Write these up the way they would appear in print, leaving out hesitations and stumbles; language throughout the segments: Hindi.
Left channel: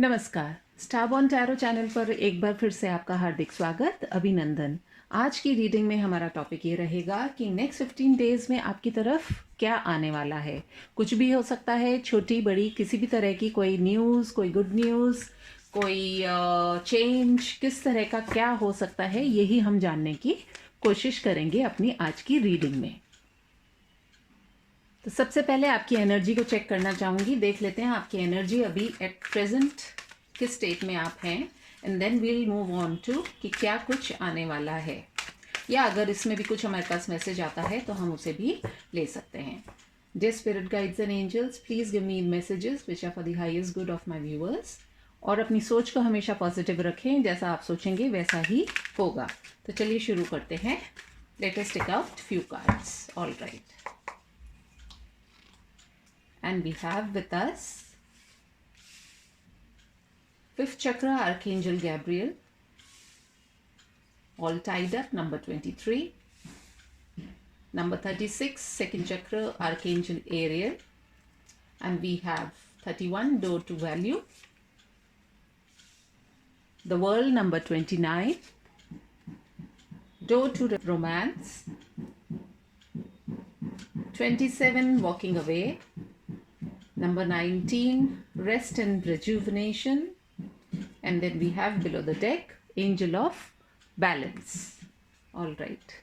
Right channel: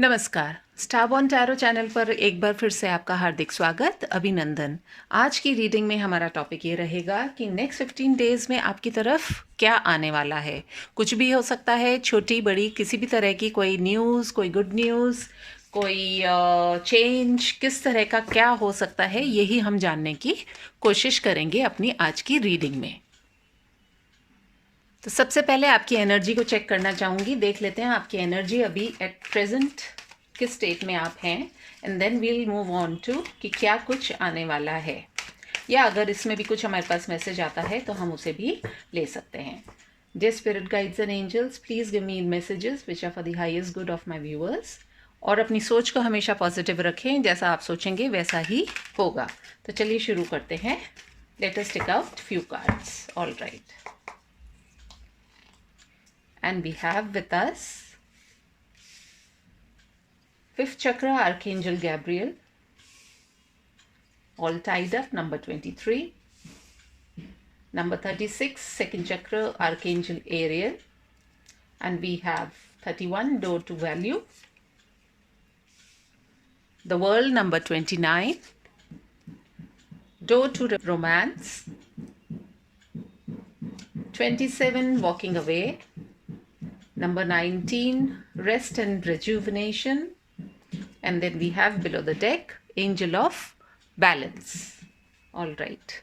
नमस्कार। स्टारबॉर्न टैरो चैनल पर एक बार फिर से आपका हार्दिक स्वागत, अभिनंदन। आज की रीडिंग में हमारा टॉपिक ये रहेगा कि नेक्स्ट 15 डेज़ में आपकी तरफ क्या आने वाला है। कुछ भी हो सकता है, छोटी बड़ी किसी भी तरह की कोई न्यूज़, कोई गुड न्यूज़, कोई चेंज, किस तरह का क्या हो सकता है, यही हम जानने की कोशिश करेंगे अपनी आज की रीडिंग में। तो सबसे पहले आपकी एनर्जी को चेक करना चाहूँगी। देख लेते हैं आपकी एनर्जी अभी एट प्रेजेंट किस स्टेट में आप हैं, and then we'll move on to कि क्या कुछ आने वाला है, या अगर इसमें भी कुछ हमारे पास मैसेज आता है तो हम उसे भी ले सकते हैं। Dear spirit guides and angels, please give me messages which are for the highest good of my viewers. और अपनी सोच को हमेशा पॉजिटिव रखें, जैसा आप सोचेंगे वैसा ही होगा। तो चलिए शुरू करते हैं। Let us take out few cards. All right, and we have with us fifth chakra Archangel Gabriel, all tied up, number 23. Number 36 second chakra Archangel Ariel, and we have 31 door to value. The world, number 29, door to romance. 27 walking away. Number 19, rest and rejuvenation. And then we have below the deck, angel of balance. All right.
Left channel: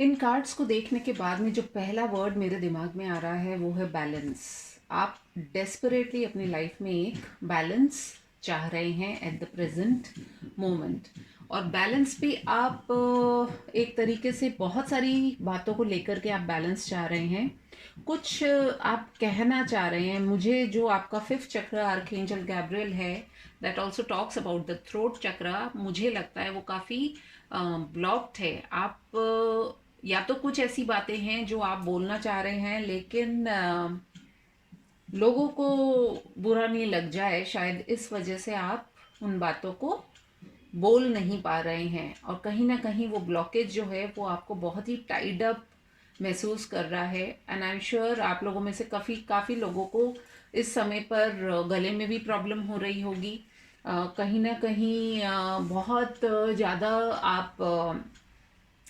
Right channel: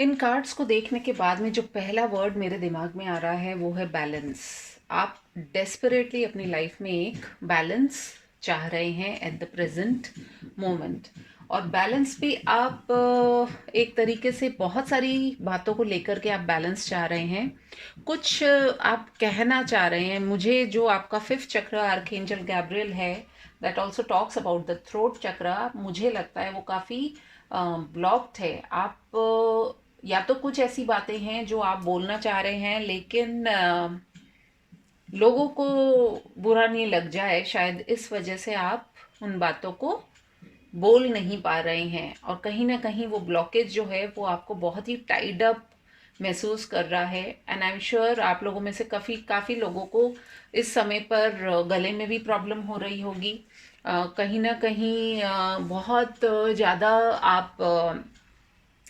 In cards को देखने के बाद में जो पहला वर्ड मेरे दिमाग में आ रहा है वो है बैलेंस। आप डेस्परेटली अपनी लाइफ में एक बैलेंस चाह रहे हैं एट द प्रेजेंट मोमेंट, और बैलेंस भी आप एक तरीके से बहुत सारी बातों को लेकर के आप बैलेंस चाह रहे हैं। कुछ आप कहना चाह रहे हैं। मुझे जो आपका फिफ्थ चक्र आर्कएंजल गैब्रियल है, that also talks about the throat चक्र, मुझे लगता है वो काफ़ी ब्लॉक्ड है। आप या तो कुछ ऐसी बातें हैं जो आप बोलना चाह रहे हैं, लेकिन लोगों को बुरा नहीं लग जाए, शायद इस वजह से आप उन बातों को बोल नहीं पा रहे हैं। और कहीं ना कहीं वो ब्लॉकेज जो है वो आपको बहुत ही टाइड अप महसूस कर रहा है। एंड आई एम श्योर आप लोगों में से काफ़ी लोगों को इस समय पर गले में भी प्रॉब्लम हो रही होगी। कहीं ना कहीं बहुत ज़्यादा आप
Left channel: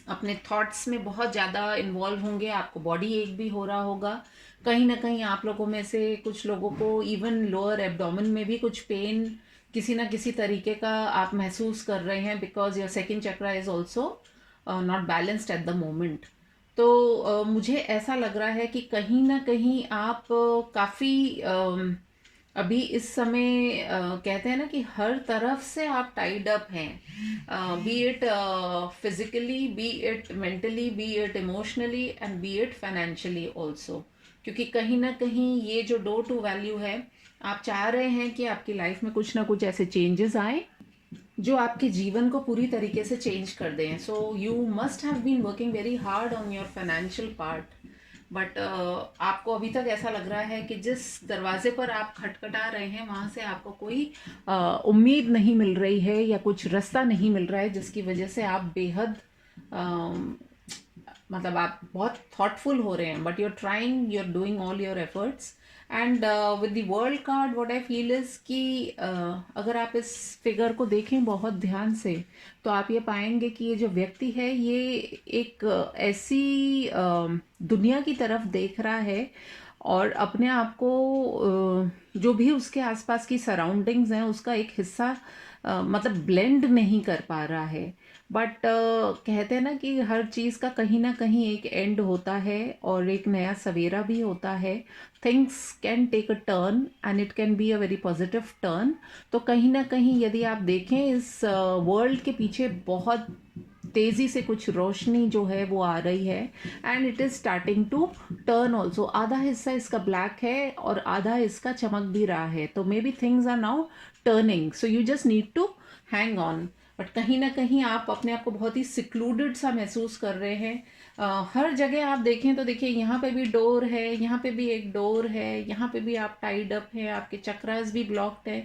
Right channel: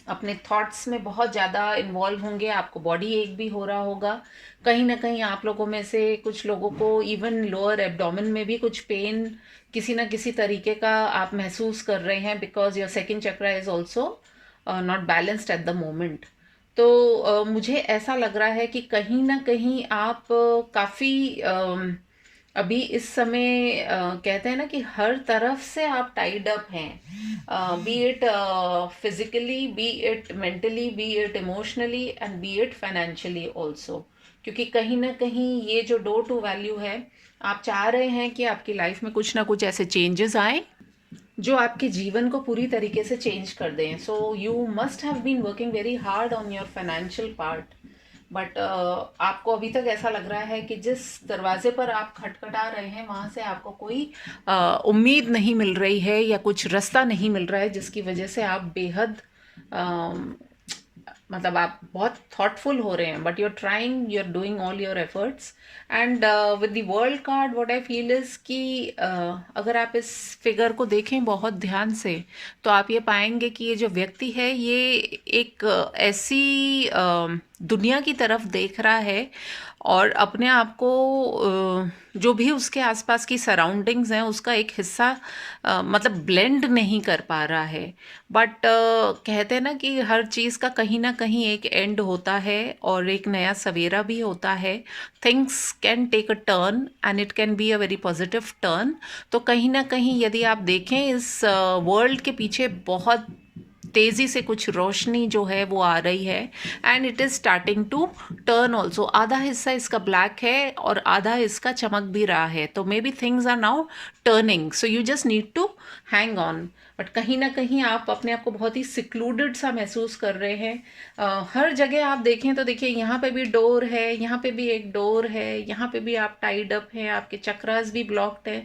अपने थॉट्स में बहुत ज़्यादा इन्वॉल्व होंगे, आपको बॉडी एक भी हो रहा होगा। कहीं ना कहीं आप लोगों में से कुछ लोगों को इवन लोअर एब्डोमेन में भी कुछ पेन किसी ना किसी तरीके का आप महसूस कर रहे हैं, because your second chakra is also not balanced at the moment. तो मुझे ऐसा लग रहा है कि कहीं ना कहीं आप काफ़ी अभी इस समय कहते हैं ना कि हर तरफ से आप टाइड अप हैं, B it physically, B it mentally, B it emotionally, and B it financially also. क्योंकि कहीं ना कहीं ये जो डोर टू वैल्यू है, आप चाह रहे हैं कि आपकी लाइफ में कुछ ना कुछ ऐसे चेंजेस आए जो आपके जीवन को पूरी तरीके से चेंज कर दें। So you must have been working very hard on your financial part, but आपको अभी तक ऐसा लग रहा है कि जिस दरवाजे पर आप खटखटा रहे हैं वहाँ से आपको कोई उम्मीद नहीं मिल रही है, या कुछ रास्ता नहीं मिल रहा है, जिसकी वजह से आप बेहद मतलब आप बहुत थॉटफुल हो रहे हैं, but you are trying, you are doing all your efforts. And with the world card what I feel is कि अगर आप इस फिगर को देखें बहुत ध्यान से, तो आप ये पाएंगे कि ये जो व्यक्ति है ये एक ऐसी दुनिया की तरफ देख रहा है, और अपने आप को जो भी उसके आसपास की सराउंडिंग्स हैं उसका एक हिस्सा मतलब ब्लेंड नहीं कर पा रहा है। बट कहते हैं ना कि हर चीज़ का कहीं ना कहीं एक एंड होता है और एक नया सवेरा भी होता है। Things can take a turn and it can be a very positive turn. तो कहीं ना कहीं यदि आप देखें इस वर्ल्ड के पीछे बहुत तेज़ी से कुछ रोशनी जो है वो आ रही है, and it is starting to turn also. आधा हिस्सा इसका ब्लैक है और आधा इसका चमक भी रहा है, तो maybe things are now turning, so you just need to hang on. But कहीं ना कहीं आप अपने आप को बहुत ही सिक्लूडेड सा महसूस कर रहे हैं। हर जगह आप देखें तो देखिए, यहाँ पे भी डोर है, यहाँ पे भी एक डोर है, यहाँ पे भी आप टाइड अप हैं, आपके चक्रास भी ब्लॉक्ड हैं,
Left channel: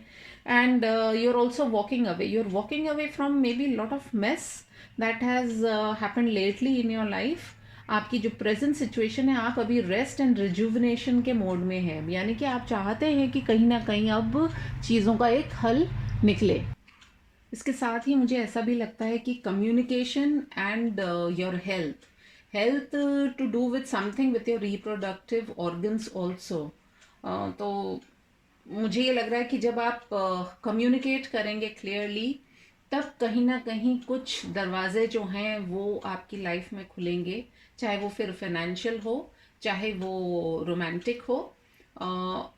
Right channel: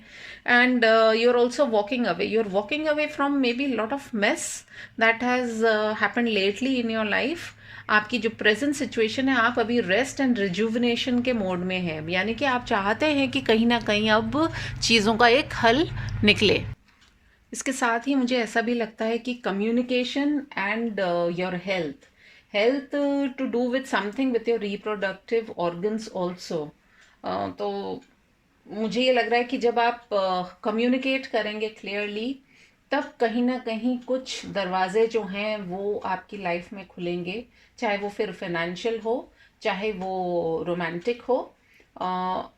and you are also walking away, you are walking away from maybe lot of mess that has happened lately in your life. आपकी जो प्रेजेंट सिचुएशन है, आप अभी रेस्ट एंड रिजुविनेशन के मोड में है, यानी कि आप चाहते हैं कि कहीं ना कहीं अब चीज़ों का एक हल निकले। इसके साथ ही मुझे ऐसा भी लगता है कि communication and your health to do with something with your reproductive organs also. तो मुझे ये लग रहा है कि जब आप कम्युनिकेट करेंगे क्लियरली, तब कहीं ना कहीं कुछ दरवाजे जो हैं वो आपकी लाइफ में खुलेंगे, चाहे वो फिर फाइनेंशियल हो, चाहे वो रोमांटिक हो,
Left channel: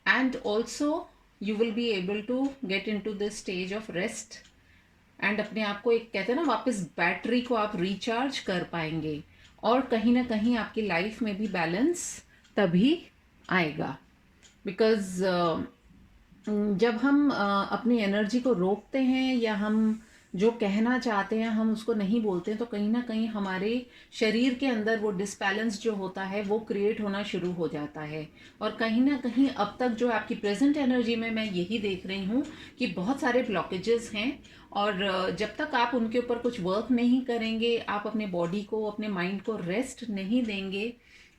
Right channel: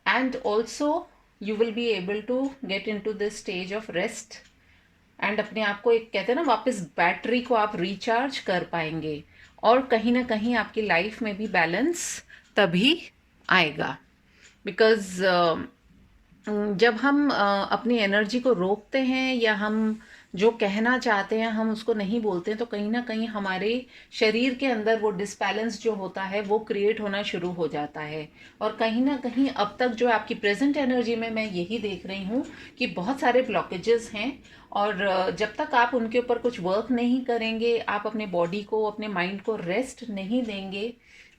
and also you will be able to get in to this stage of rest, and अपने आप को एक कहते हैं ना, वापस बैटरी को आप रिचार्ज कर पाएंगे, और कहीं ना कहीं आपकी लाइफ में भी बैलेंस तभी आएगा। बिकॉज जब हम अपनी एनर्जी को रोकते हैं, या हम जो कहना चाहते हैं हम उसको नहीं बोलते हैं, तो कहीं ना कहीं हमारे शरीर के अंदर वो डिसबैलेंस जो होता है वो क्रिएट होना शुरू हो जाता है। और कहीं ना कहीं अब तक जो आपकी प्रेजेंट एनर्जी में मैं यही देख रही हूँ कि बहुत सारे ब्लॉकेजेस हैं, और जब तक आप उनके ऊपर कुछ वर्क नहीं करेंगे, आप अपने बॉडी को, अपने माइंड को रेस्ट नहीं देंगे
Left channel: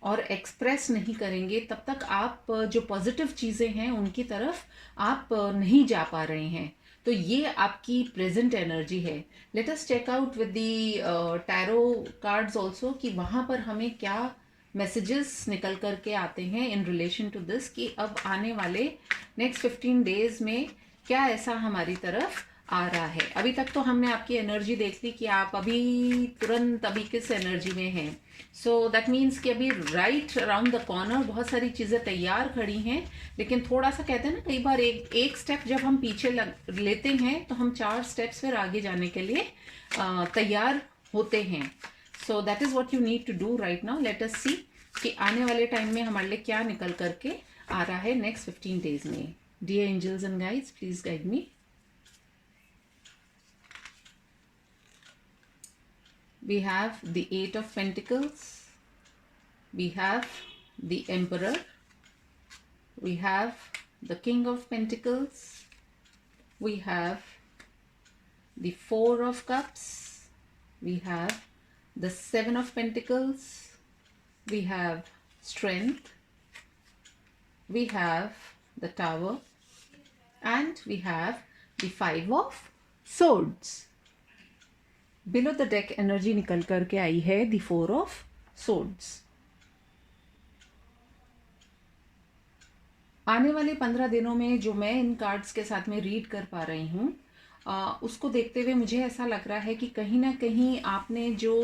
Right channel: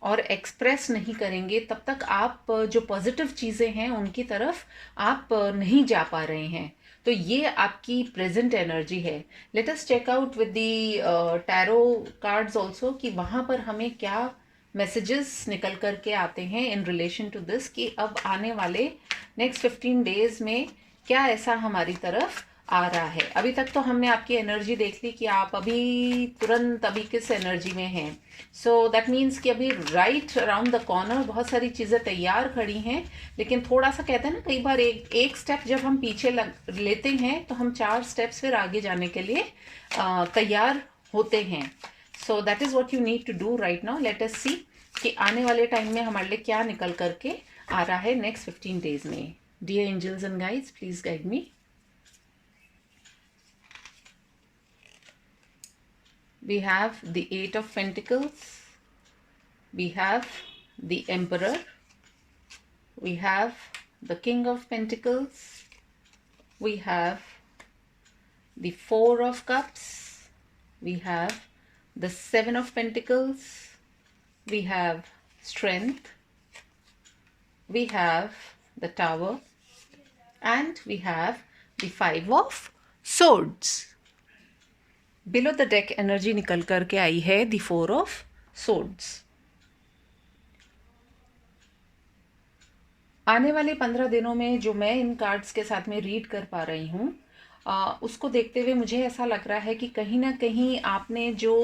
और एक्सप्रेस नहीं करेंगे, तब तक आप जो पॉजिटिव चीज़ें हैं उनकी तरफ आप नहीं जा पा रहे हैं। तो ये आपकी प्रेजेंट एनर्जी है। Let us check out with the tarot cards also कि वहाँ पर हमें क्या मैसेजेस निकल करके आते हैं इन रिलेशन टू दिस, कि अब आने वाले नेक्स्ट 15 डेज में क्या ऐसा हमारी तरफ आ रहा है। अभी तक तो हमने आपकी एनर्जी देख ली कि आप अभी तुरंत अभी किस एनर्जी में हैं। सो दैट मीन्स कि अभी राइट अराउंड द कॉर्नर बहुत सारी चीज़ें तैयार खड़ी हैं, लेकिन थोड़ा सा कहते हैं ना, कई बार एक स्टेप जब हम पीछे लेते हैं तो हम 4 स्टेप्स फिर आगे जाने के लिए तैयार होते हैं। So that is what you need to do right now. Let us see कि आने वाले टाइम में हमारे लिए क्या निकल करके आ रहा है नेक्स्ट 15 डेज में। Dear angels and guides, please guide me. We have the 8 of Pentacles, we have the Emperor, we have the King of Pentacles, we have the 4 of Cups, we have the 7 of Pentacles, we have Strength, we have the Tower, and we have the 5 of Swords. Below the deck energy निकल करके आई है द 4 ऑफ सोर्ड्स। आने वाले 15 दिनों में जो मैं इन कार्ड्स के साथ में रीड कर पा रही हूँ, उसको देखते हुए मुझे ऐसा लग रहा है कि कहीं ना कहीं आपने जो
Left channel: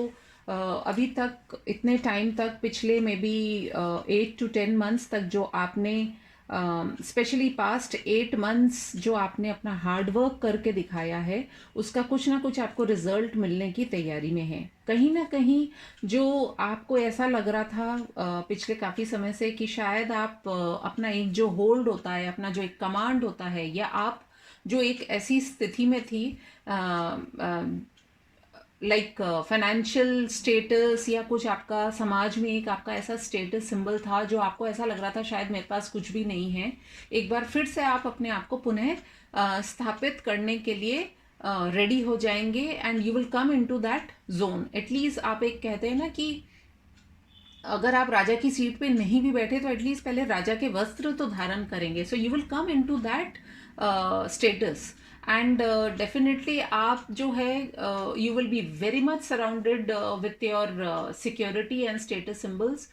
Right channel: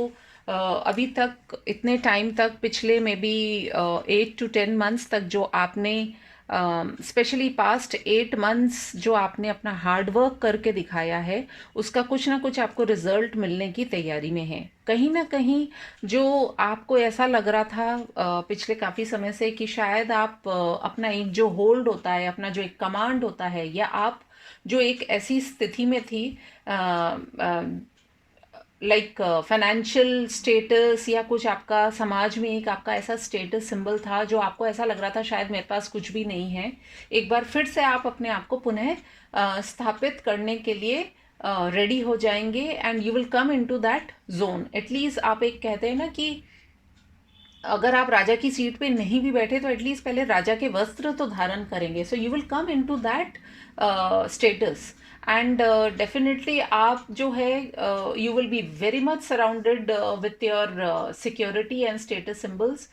अभी तक इतने टाइम तक, पिछले में भी 8 to 10 मंथ्स तक जो आपने स्पेशली पास्ट 8 मंथ्स जो आपने अपना हार्ड वर्क करके दिखाया है, उसका कुछ ना कुछ आपको रिजल्ट मिलने की तैयारी में है। कहीं ना कहीं जो आपको ऐसा लग रहा था पिछले काफ़ी समय से कि शायद आप अपना एक जो होल्ड होता है, अपना जो एक कमांड होता है, या आप जो एक ऐसी स्थिति में थी लाइक फाइनेंशियल स्टेटस, या कुछ आपका समाज में एक आपका ऐसा स्टेटस सिंबल था जो आपको ऐसा लग रहा था शायद मेरे पास कुछ भी नहीं है, एक बार फिर से आप अपने आप को पुनः स्थापित करने के लिए रेडी हो जाएंगे, and you will come into that zone. At least आप एक कहते हैं ना कि अगर आप राजा की सीट पे नहीं भी बैठे तो एटलीस्ट पहले राजा के वस्त्र तो धारण करेंगे। So you will come into that status, and definitely आप जो है you will be very much surrounded with your security and status symbols,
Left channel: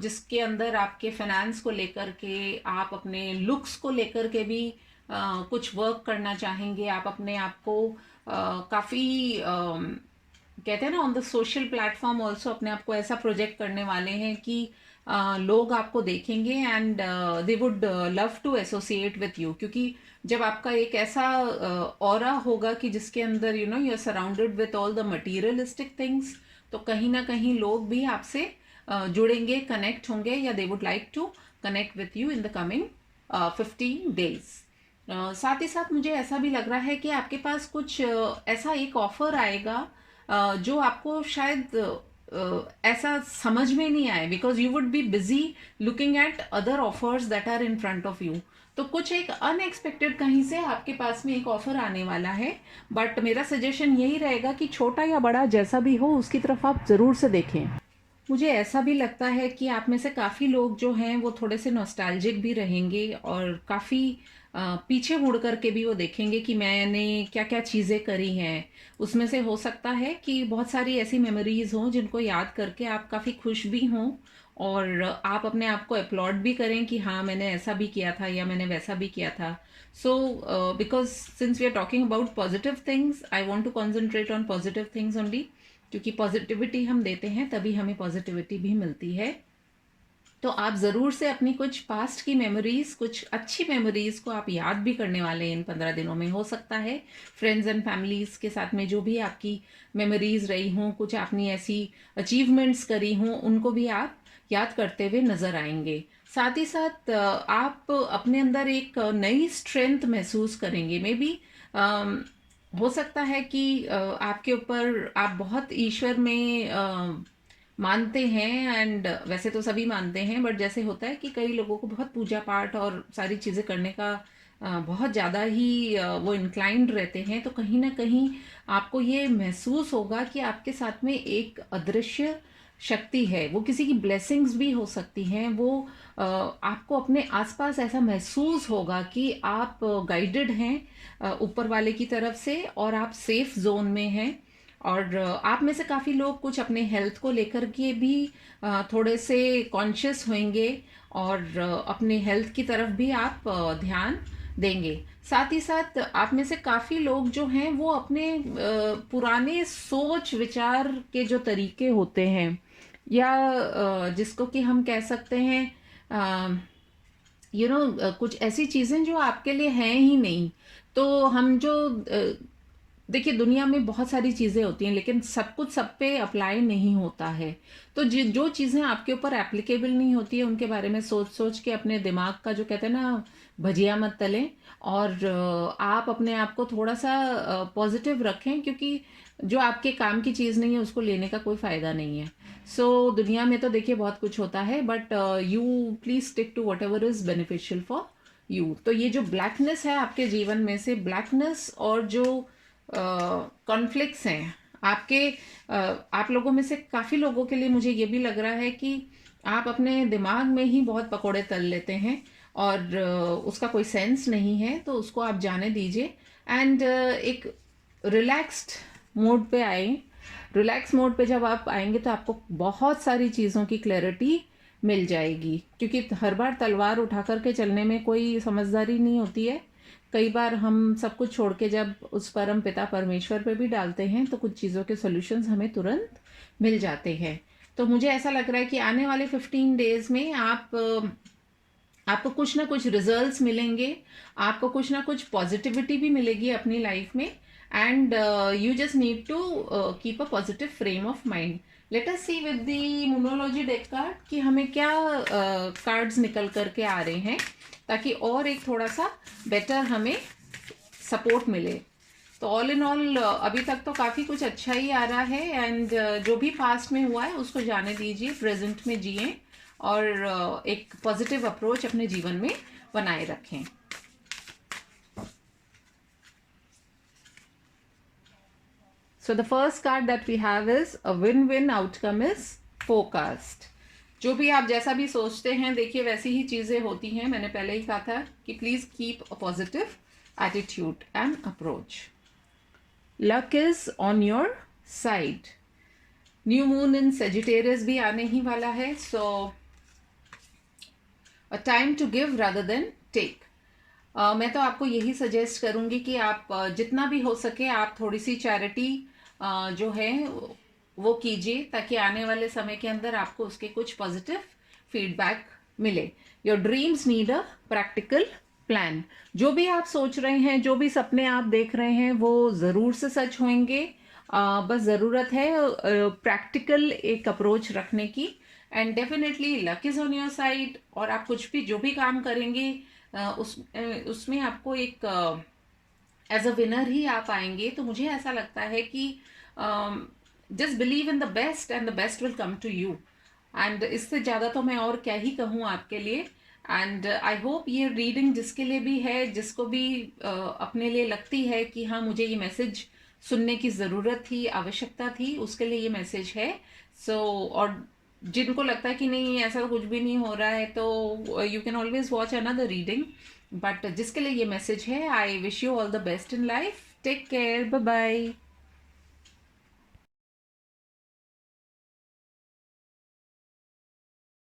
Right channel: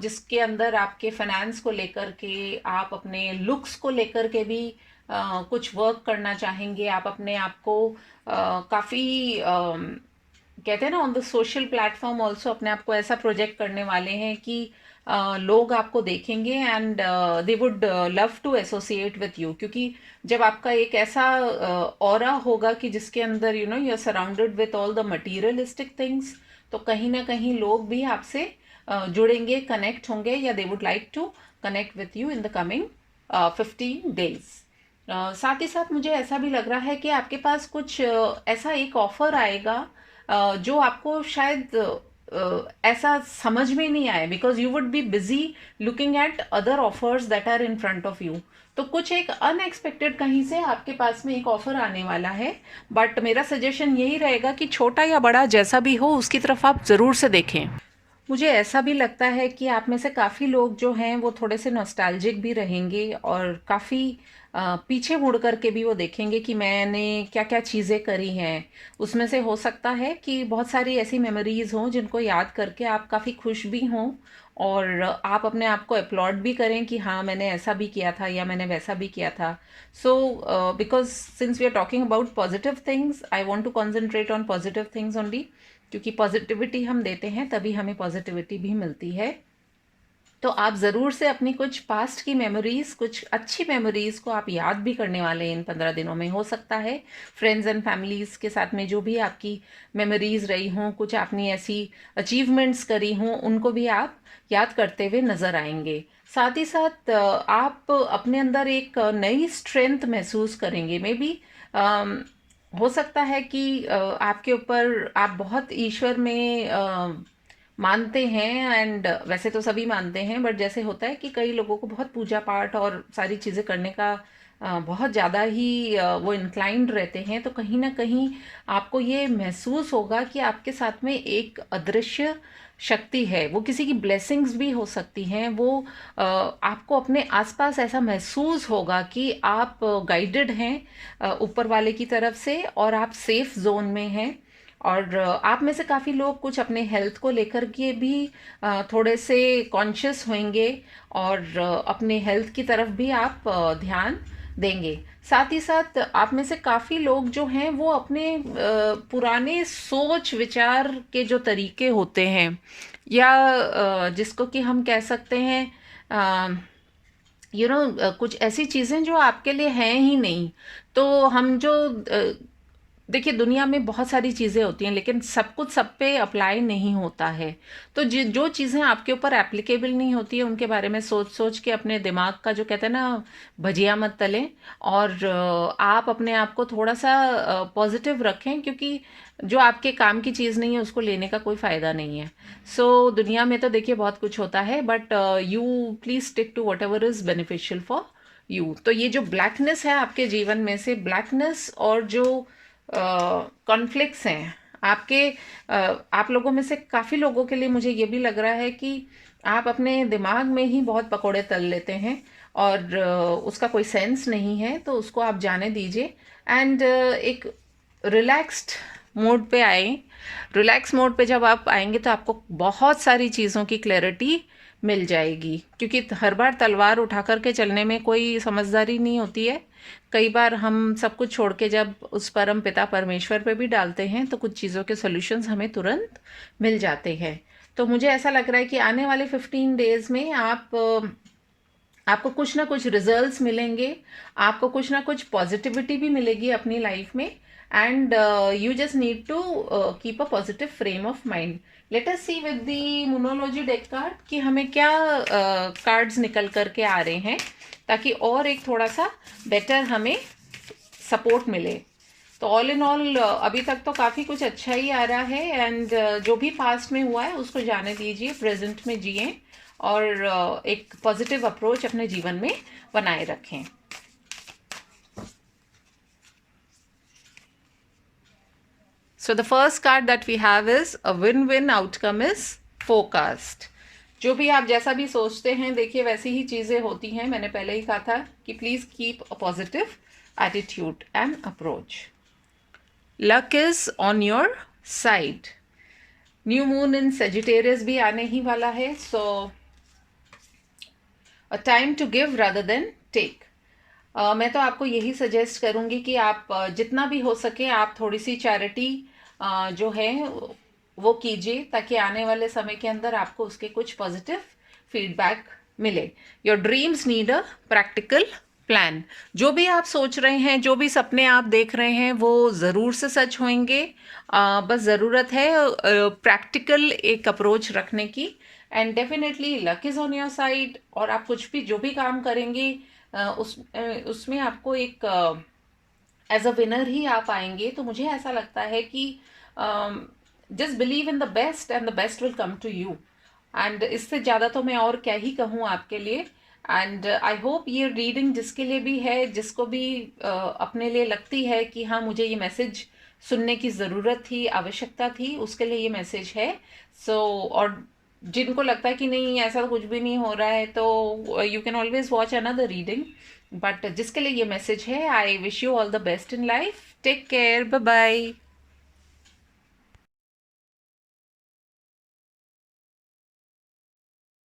जिसके अंदर आपके फाइनेंस को लेकर के, आप अपने लुक्स को लेकर के भी कुछ वर्क करना चाहेंगे। आप अपने आप को काफ़ी कहते हैं ना, on the social platform also अपने आप को ऐसा प्रोजेक्ट करने वाले हैं कि लोग आपको देखेंगे and they would love to associate with you, क्योंकि जब आपका एक ऐसा ऑरा होगा कि जिसके अंदर you know you are surrounded with all the materialistic things, तो कहीं ना कहीं लोग भी आपसे जुड़ेंगे, कनेक्ट होंगे, या they would like to connect with you in the coming 15 days. साथ ही साथ मुझे ऐसा भी लग रहा है कि आपके पास कुछ ऐसा एक ऑफर आएगा जो आपको शायद ऐसा समझ में नहीं आए, because you would be busy looking at other offers that are in front of you. तो कुछ एक अनएक्सपेक्टेड कहीं से आपके पास में एक ऑफर आने वाला है, बट मेरा सजेशन यही रहेगा कि छोटा या बड़ा जैसा भी हो उसकी तरफ आप ज़रूर से देखें। मुझे ऐसा भी लगता है कि आप में से काफ़ी लोग जो हैं वो थोड़े से नॉस्टैल्जिक भी रहेंगे और काफ़ी पीछे मुड़ कर के भी वो देखेंगे कि मैंने क्या क्या चीज़ें करी हैं। उसमें से हो सकता है कि बहुत सारी ऐसी मेमोरीज़ हों जिनको याद करके आप काफ़ी खुश भी हों और आप अपने आप को अपलॉड भी करें कि हाँ, मैंने ऐसा भी किया था या मैंने वैसा भी किया था। So because since we are talking about positive things, I want to concentrate on positive things only, क्योंकि पॉजिटिविटी हम देते हैं तभी हमें पॉजिटिविटी भी मिलती है। तो आप ज़रूर से अपनी कुछ पास्ट की मेमोरीज़, कुछ अच्छी मेमोरीज़ को आप याद भी करने वाले हैं इन 15 दिनों में। हो सकता है फ्रेंड्स एंड फैमिलीज़ के साथ में जो भी आपकी मेमोरीज़ रही हों, कुछ आपने ऐसी अचीवमेंट्स करी हों, उनको भी आप याद करते हुए नज़र आएंगे। साथ ही साथ आप अपने अंदर एक नई स्ट्रेंथ महसूस करेंगे। मे बी हो सकता है कि आपके ऊपर आप बहुत ईश्वर में मानते हैं, एंड वैसे तो सभी मानते हैं, बट जैसे होता है कि कई लोगों को बहुत पूजा पाठ और सारी चीज़ें करने का बहुत ज़्यादा ही वो इंक्लाइंड रहते हैं, तो कहीं ना कहीं आपको ये महसूस होगा कि आपके साथ में एक अदृश्य शक्ति है। वो किसी की ब्लेसिंग्स भी हो सकती हैं। वो आपको अपने आसपास ऐसा महसूस होगा कि आप गाइडेड हैं ऊपर वाले की तरफ से और आप सेफ जोन में हैं। और आप में से काफ़ी लोग कुछ अपने हेल्थ को लेकर के भी थोड़े से कॉन्शियस होंगे और अपने हेल्थ की तरफ भी आप ध्यान देंगे। साथ ही साथ आप में से काफ़ी लोग जो हैं वो अपने पुराने सोच विचार के जो तरीके होते हैं, या जिसको कि हम कह सकते हैं कुछ ऐसी चीज़ें जो आपके लिए हैं ही नहीं। तो हम जो देखिए, दुनिया में बहुत सारी चीज़ें होती हैं लेकिन सब कुछ सब पे अप्लाई नहीं होता है। तो जो चीज़ें आपके ऊपर एप्लीकेबल नहीं होती है उनके बारे में सोच सोच के अपने दिमाग का, जो कहते हैं ना, भजिया मत तलें। और आप अपने आप को थोड़ा सा पॉजिटिव रखें, क्योंकि जो आपके काम की चीज़ नहीं है उसको लेने का कोई फ़ायदा नहीं है। दुनिया में तो देखिए बहुत कुछ होता है, but you please stick to whatever is beneficial for you. तो ये जो ब्लैकनेस है आपके जीवन में से, ब्लैकनेस और जो कॉन्फ्लिक्ट्स हैं आपके, आप लोगों में से काफ़ी लोगों के लिए मुझे ये भी लग रहा है कि आप अपने दिमाग में ही बहुत पकोड़े तल लेते हैं और उसका कोई सेंस नहीं है, तो उसको आप जाने दीजिए एंड एक रिलैक्स्ड मोड पे आए। रिलैक्स मोड पे जब आप आएंगे तो आपको बहुत सारी चीज़ों की क्लैरिटी मिल जाएगी, क्योंकि हर बार तलवार उठा कर के चलने में कोई समझदारी नहीं होती है। कई बार हम सब कुछ छोड़ के जब उस परम पिता परमेश्वर पे भी डालते हैं तो कुछ चीज़ों के सॉल्यूशंस हमें तुरंत मिल जाते हैं। तो मुझे ऐसा लग रहा है कि आने वाले 15 डेज में आपको कुछ ना कुछ रिजल्ट्स मिलेंगे, आपको कुछ ना कुछ पॉजिटिविटी भी मिलेगी अपनी लाइफ में, and you just need to keep a positive frame of mind. Let us see with the numerology deck card कि हमें क्या कार्ड्स निकल करके आ रहे हैं, ताकि और एक थोड़ा सा बेटर हमें सपोर्ट मिले। तो ऑल इन ऑल अभी तक तो काफ़ी कुछ अच्छा ही आ रहा है, एंड जो भी पास्ट में हुआ है उसको जाने दीजिए, प्रेजेंट में जिए और एक पॉजिटिव अप्रोच अपने जीवन में बनाए रखें। So the first card that we have is a win-win outcome is forecast. जो भी आप जैसा भी सोचते हैं, देखिए वैसी ही चीज़ें होती हैं। मैंने पहले ही कहा था कि please keep a positive attitude and approach. Luck is on your side. New moon in Sagittarius भी आने ही वाला है, so a time to give rather than take. मैं तो आपको यही सजेस्ट करूंगी कि आप जितना भी हो सके आप थोड़ी सी चैरिटी जो है वो कीजिए, ताकि आने वाले समय के अंदर आपको उसके कुछ पॉजिटिव फीडबैक मिले। Your dreams need a practical plan. जो भी आप सोच रहे हैं, जो भी सपने आप देख रहे हैं, वो ज़रूर से सच होंगे। बस ज़रूरत है प्रैक्टिकल एक अप्रोच रखने की, and definitely luck is on your side. और आप कुछ भी जो भी काम करेंगे उसमें आपको एक एज अ विनर ही आप आएंगे। तो मुझे ऐसा लगता है कि just believe in the best and the best will come to you. And इससे ज़्यादा तो मैं और क्या ही कहूँ आपके लिए। एंड आई होप ये रीडिंग जिसके लिए भी है, जिसको भी अपने लिए लगती है कि हाँ मुझे ये मैसेज सुनने की ज़रूरत थी, आवश्यकता थी, उसके लिए ये मैसेज है। और जिनको लगता है कि नहीं ऐसा तो कुछ भी नहीं हो रहा है, तो you can always watch another reading. But जिसके लिए ये मैसेज है, I wish you all the best in life, take care, bye bye.